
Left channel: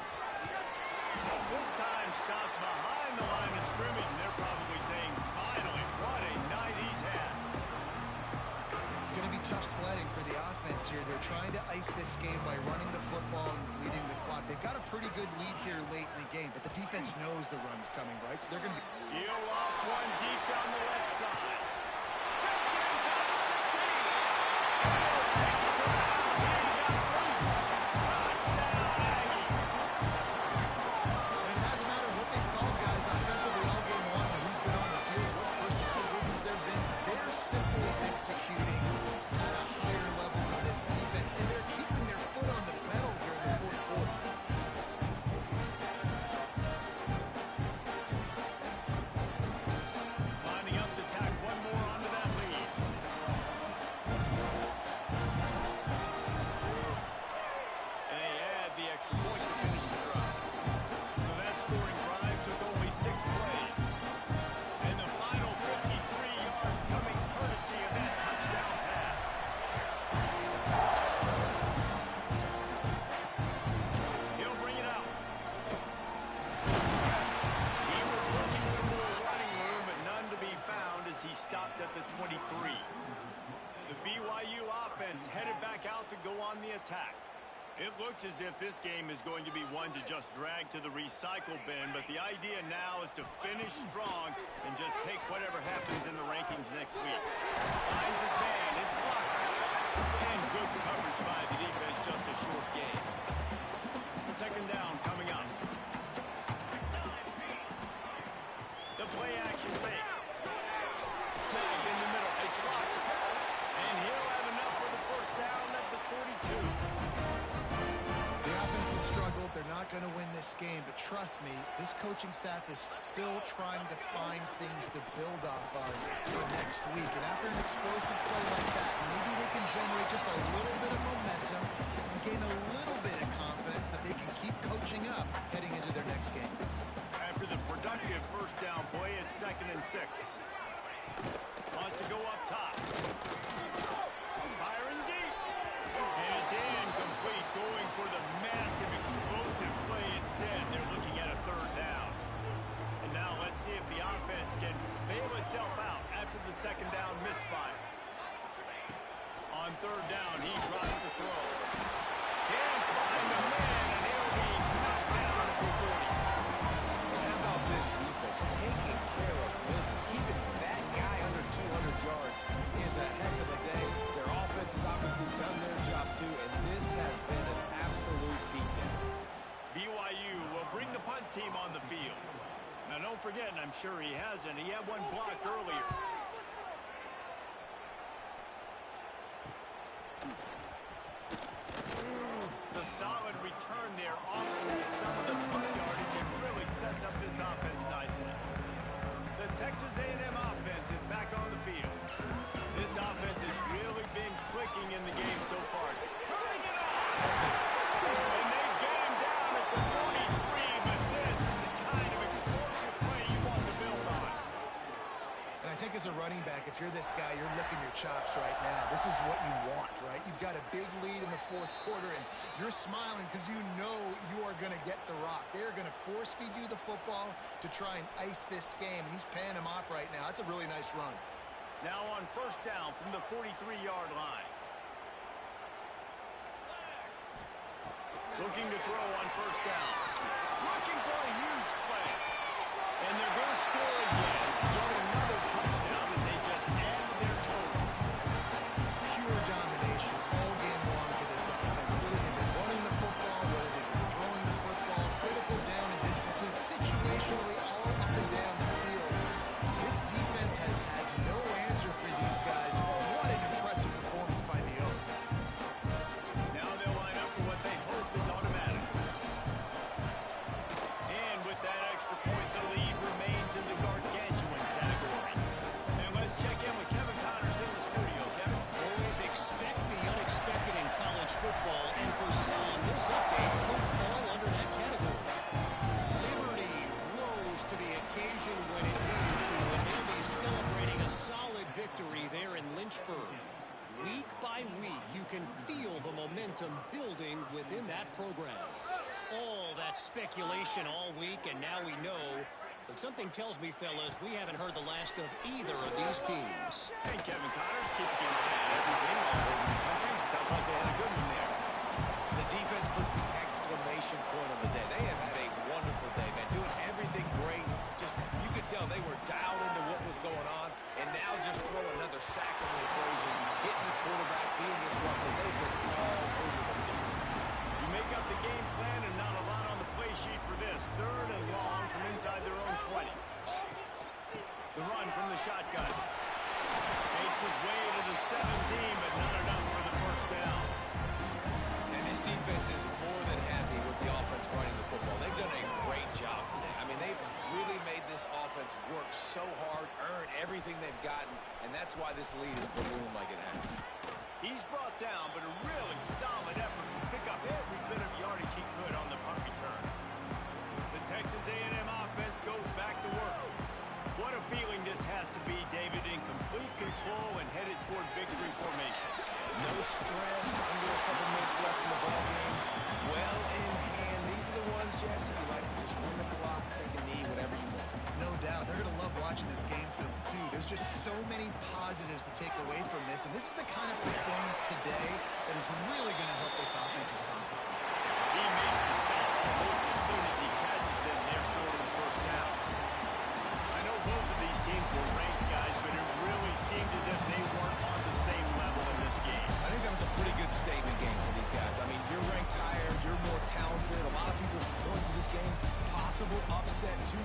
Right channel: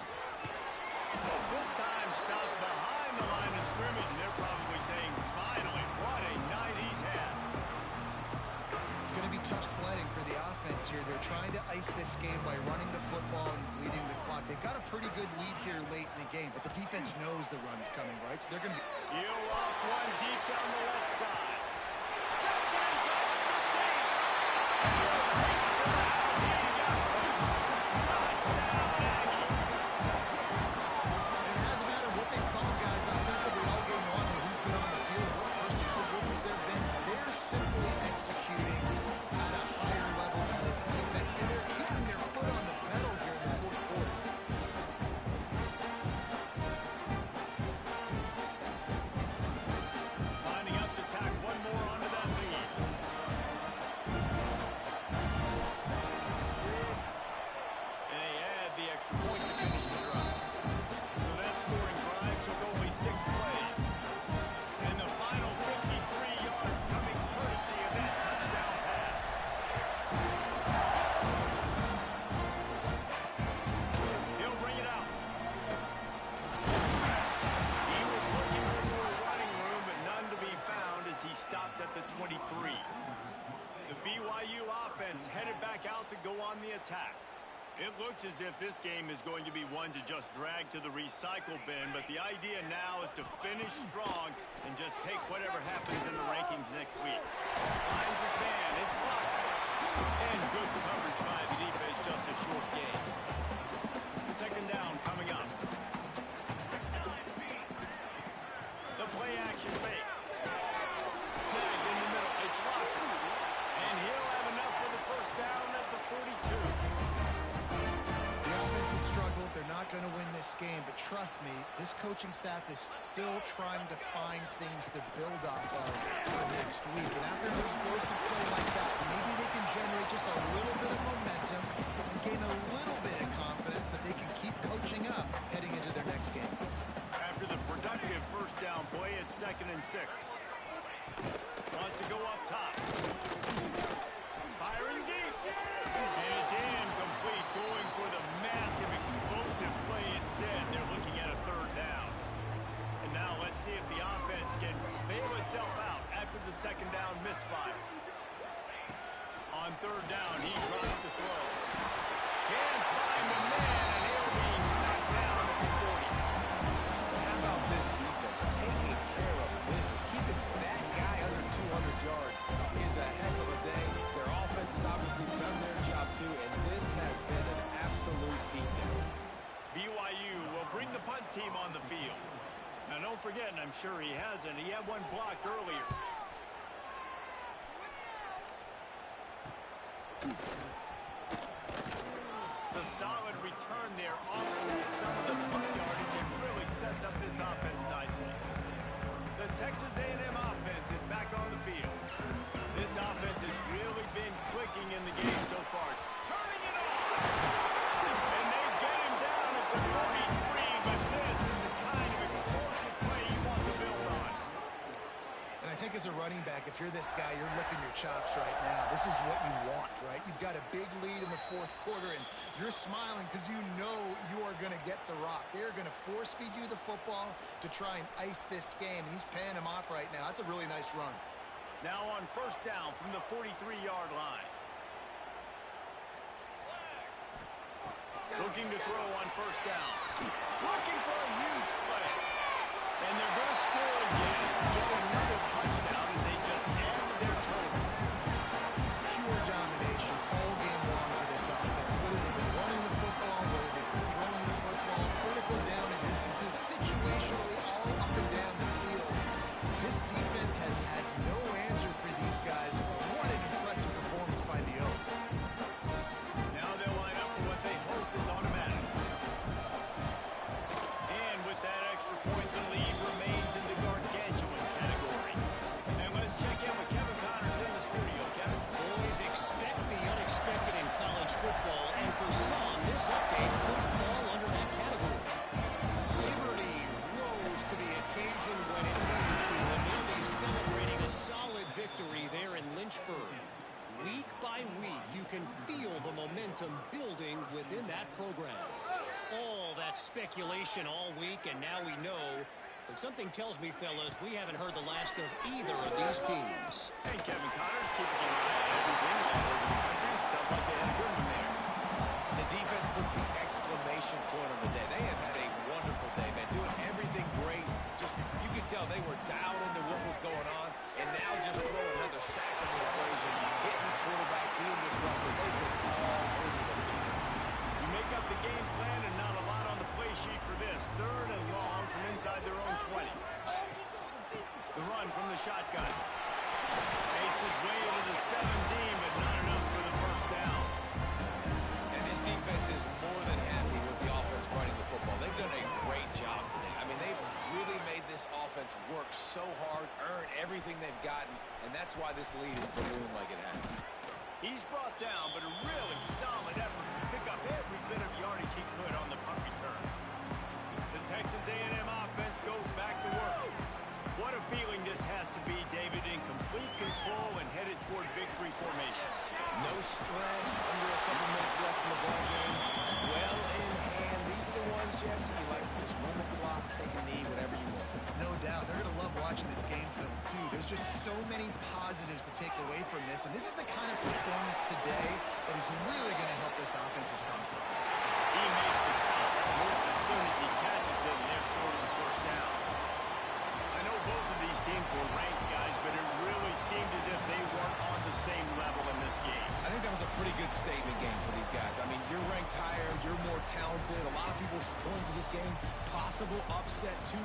This time stopped behind the line of scrimmage, and they're probably saying, finally, what a night he's had. It's going to be tough sledding for the offense here. They're trying to ice this game by running the football and bleeding the clock. They've got a pretty good lead here late in the game, but the defense knows the run's coming, right? So they're going to be... He'll off one deep down the left side. Gets it inside the 15. And he'll take it to the house. He got loose. Touchdown, Aggie. And it hasn't mattered what they've called, guys, offensively all game long, or who's been on the field, what personnel groupings there have been. They're simply executing at a higher level than this defense, and they're keeping their foot on the pedal here in the fourth quarter. Lining up to tack one more onto that lead. And they add the extra point to finish the drive. So that scoring drive took only 6 plays. And the final 53 yards coming courtesy of that touchdown pass. He'll bring it out. He was looking for more running room, but none to be found as he stopped at the 23. The BYU offense headed back out to go on the attack. It looks as if this game is going to be one to just drag to the recycle bin, but the idea now is to finish strong and just take whatever happens in the rankings next week. Finds his man, it's Locker. And good coverage by the defense, just a short game. Second down coming up. The play action fake. Snagged in the middle, it's Locker. And he'll have enough for the first down at the 42. The offense has struggled. They're not going to win this game. But trust me, this coaching staff is still trying to find things to build off of for next week. And after an explosive play like that, maybe they can generate just a little bit of momentum and gain a little bit of confidence that they can keep coaching up heading into their next game. After the productive first down play, it's 2nd and 6. Wants to go up top. Firing deep. And it's incomplete, going for the massive explosive play instead. They're looking at a 3rd down. And now let's see if the offense can bail itself out after the 2nd down misfire. On 3rd down, he drops the throw. Can't find the man, and he'll be knocked down at the 40. How about this defense taking care of business? Keeping that guy under 200 yards is a heck of a day. Their offense has obviously done their job too, and this has been an absolute beatdown. BYU will bring the punt team on the field. Now don't forget, and I'm sure he hasn't, he had one blocked earlier. The solid return there offsets some of the punt yardage and really sets up this offense nicely. The Texas A&M offense is back on the field. This offense has really been clicking in the game so far. Turning it on! And they get him down at the 43, but this is the kind of explosive play you want to build on. And I think as a running back, if you're this guy, you're licking your chops right now. This is what you want, right? You've got a big lead in the 4th quarter, and you're smiling because you know you are going to get the rock. They're going to force-feed you the football to try and ice this game, and he's paying him off right now. That's a really nice run. Now on 1st down from the 43-yard line. Looking to throw on 1st down. Looking for a huge play. And they're going to score again. Yet another touchdown as they just added their total. Pure domination all game long for this offense. Whether they've been running the football, whether they've been throwing the football, critical down and distances, situationally all up and down the field. This defense has had no answer for these guys. What an impressive performance by the Oak. Now they'll line up for what they hope is automatic. And with that extra point, the lead remains in the gargantuan category. And let's check in with Kevin Connors in the studio. Kevin? Always expect the unexpected in college football, and for some, this update could fall under that category. Liberty rose to the occasion when it needed to, and they'll be celebrating a solid victory there in Lynchburg. Week by week, you can feel the momentum building within that program. All that speculation all week, and now we know. But something tells me, fellas, we haven't heard the last of either of these teams. Hey, Kevin Connors keeping an eye on everything all over the country. Sounds like they had a good one there. The defense puts the exclamation point on the day. They have had a wonderful day, man, doing everything great. Just, you could tell they were dialed into what was going on, and now just throw another sack in the equation, hitting the quarterback, being disruptive. They've been all over the field. You make up the game plan and not a lot on the play sheet for this. 3rd and long from inside their own 20. The run from the shotgun. Makes his way to the 17, but not enough for the 1st down. And this defense is more than happy with the offense running the football. They've done a great job today. I mean, they've really made this offense work so hard, earn everything they've gotten, and that's why this lead is ballooned like it has. He's brought down, but a really solid effort to pick up every bit of yardage he could on the punt return. The Texas A&M offense goes back to work. What a feeling this has to be, David, in complete control and headed toward victory formation. No stress, under a couple minutes left in the ballgame. Well in hand. These are the ones, Jesse, you like to just run the clock, take a knee, whatever you want. No doubt. They're going to love watching this game film, too. There's just so many positives to take away from this, and this is the kind of performance today that is really going to help this offense's confidence. He makes the stop almost as soon as he catches it, and they're short of the 1st down. I know both of these teams were ranked, guys, but it really seemed as if they weren't on the same level in this game. I think that was a pretty good statement game for these guys. I mean, you're ranked higher, you're more talented. A lot of people point to this game, possible upset too.